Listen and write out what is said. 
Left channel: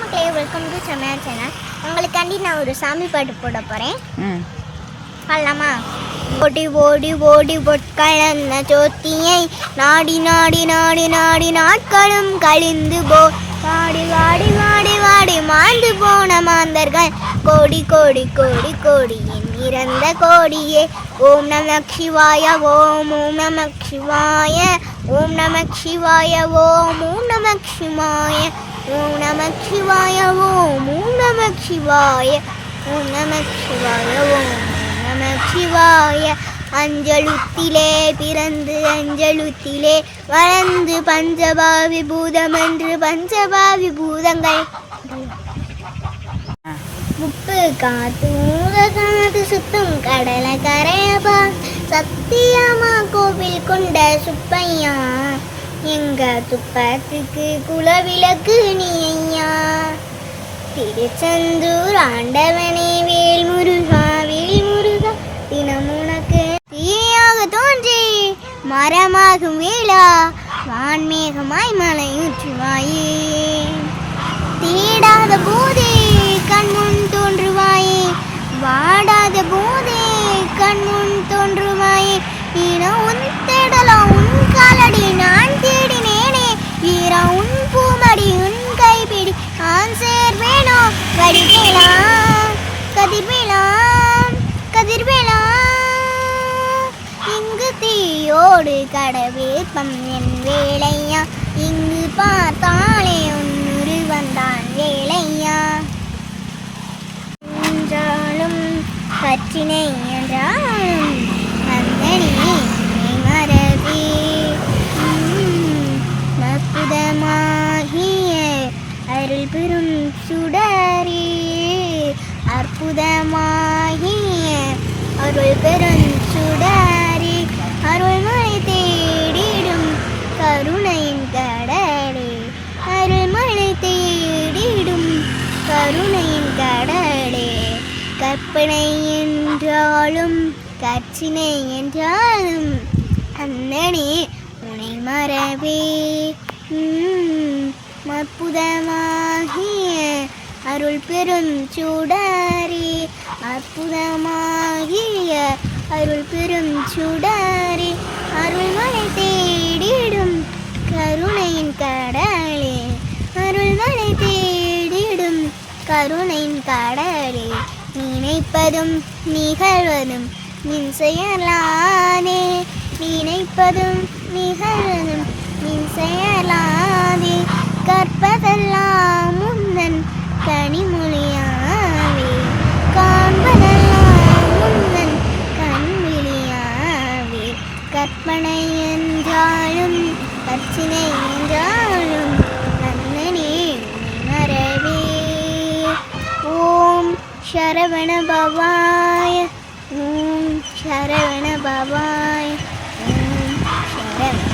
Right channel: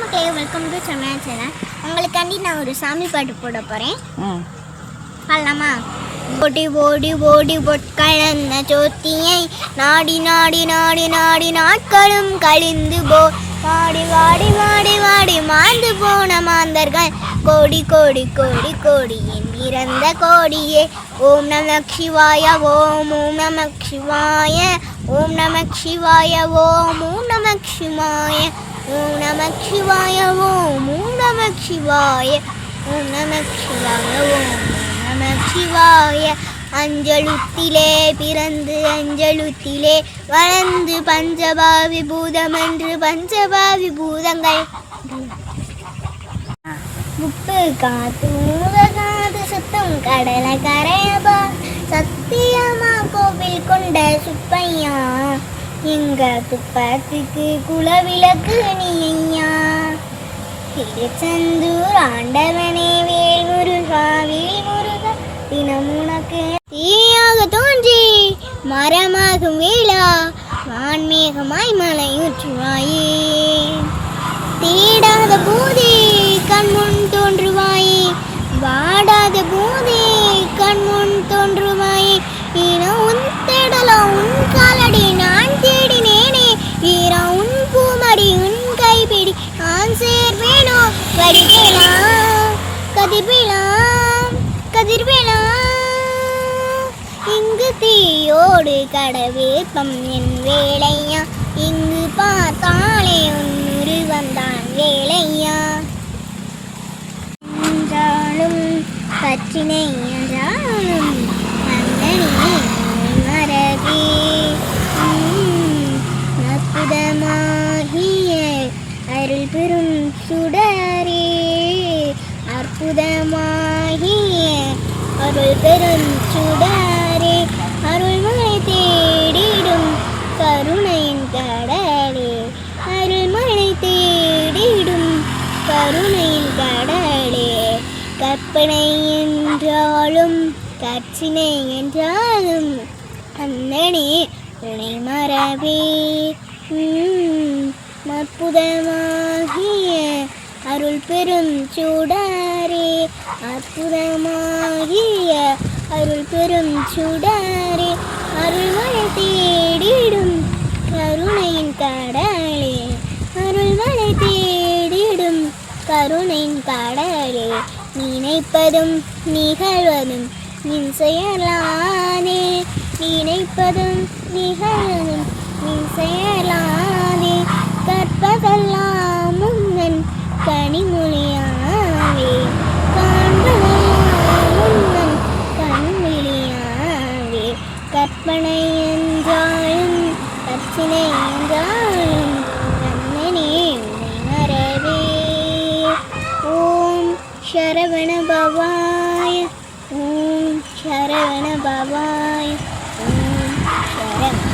மக்களே, welcome to சமையா channel. உங்களுக்காண்டி நான் ஒரு சாமி பாட்டு போட போகிறேன். பாடலாமா? ஓடி ஓடி ஓடி பொற்கலந்த சோத்தியை நாடி நாடி நாடி நாடி நாட்களும் கழிந்து போ வாடி வாடி வாடி வாடி மாந்து போன மாந்தர்கள் கோடி கோடி கோடி கோடி இறந்த கோடியே. ஓம் நம சிவாய ஓம் ஓம் நம சிவாய ஓம் நம சிவாய ஓம் ஓம் நம சிவாய ஓம் நம சிவாய ஓம் ஓம் நம சிவாய ஓம் நம சிவாய ஓம் நம சிவாய. அஞ்சலுத்திலே பிறந்து அஞ்சலுத்திலே வளர்ந்து பஞ்சபாவி பூதம் என்று பஞ்சபாவி பூதங்கள் முப்பு காத்து மூத காத்து சுத்தம் கடலை கரையபா சத்தியமா கோவில் கொண்ட சுப்பையா எங்க துப்பாத்திக்கு குலவிளக்கு நீ ஐயா. திருச்செந்தூர் ஆண்டவனே வேல் முருகா வேல் முருகா தினம் உனக்கு தீயாக தோன்றி மரமாகும் வேளா வான்மேகமாய் மலையூற்றுவாயே. தேடாத போதே கண்முன் தோன்றுவாயே வாடாத போதே கண்முன் தோன்றுவாயே. ஈனோ உன் தேடலாம் உன் காலடி நான் தேடினேனே ஈரா உன் பூமடி உன் கைப்பிடி நான் சேர்வேனோ வடிவேலாம் கதிர்வேலாம் கதிர்வேலாம். இங்கு தீயோடு கடவேற்பம் என் வேலையா இங்கு பார்த்தாலே உன்னுரு வந்தான் வேலையா. என்றாலும் கற்றினை என்றாலும் அந்தனி மரபே அற்புதமாகிய அருள் பெரும் சுடரே அற்புதமாகிய அருள் பெரும் சுடரே அருள்மொழி தேடிடும் கருணையின் கடலே அருள்மொழி தேடிடும் கருணையின் கடலே. கற்பனை என்றாலும் கற்சினை என்றாலும் அந்தனே துணை மரபே அற்புதமாகிய அருள் பெரும் சுடரே அற்புதமாகிய அருள் பெரும் சுடரே அருள்மழை தேடிடும் கருணையின் கடலே அருள்மழை தேடிடும் கருணையின் கடலே. நினைப்பதும் நிகழ்வதும் நின் செயலானே நினைப்பதும் நிகழ்வதும் நின் செயலானே. கற்பதெல்லாம் முன்னன் கனிமொழியாவே காண்பதெல்லாம் முன்னன் கண்மொழியாவே. கற்பனை என்றாலும் கற்சினை என்றாலும் அண்ணனே மரவே. ஓம் சரவண பவாய ஓம் சரவண பவாய ஓம் சரவண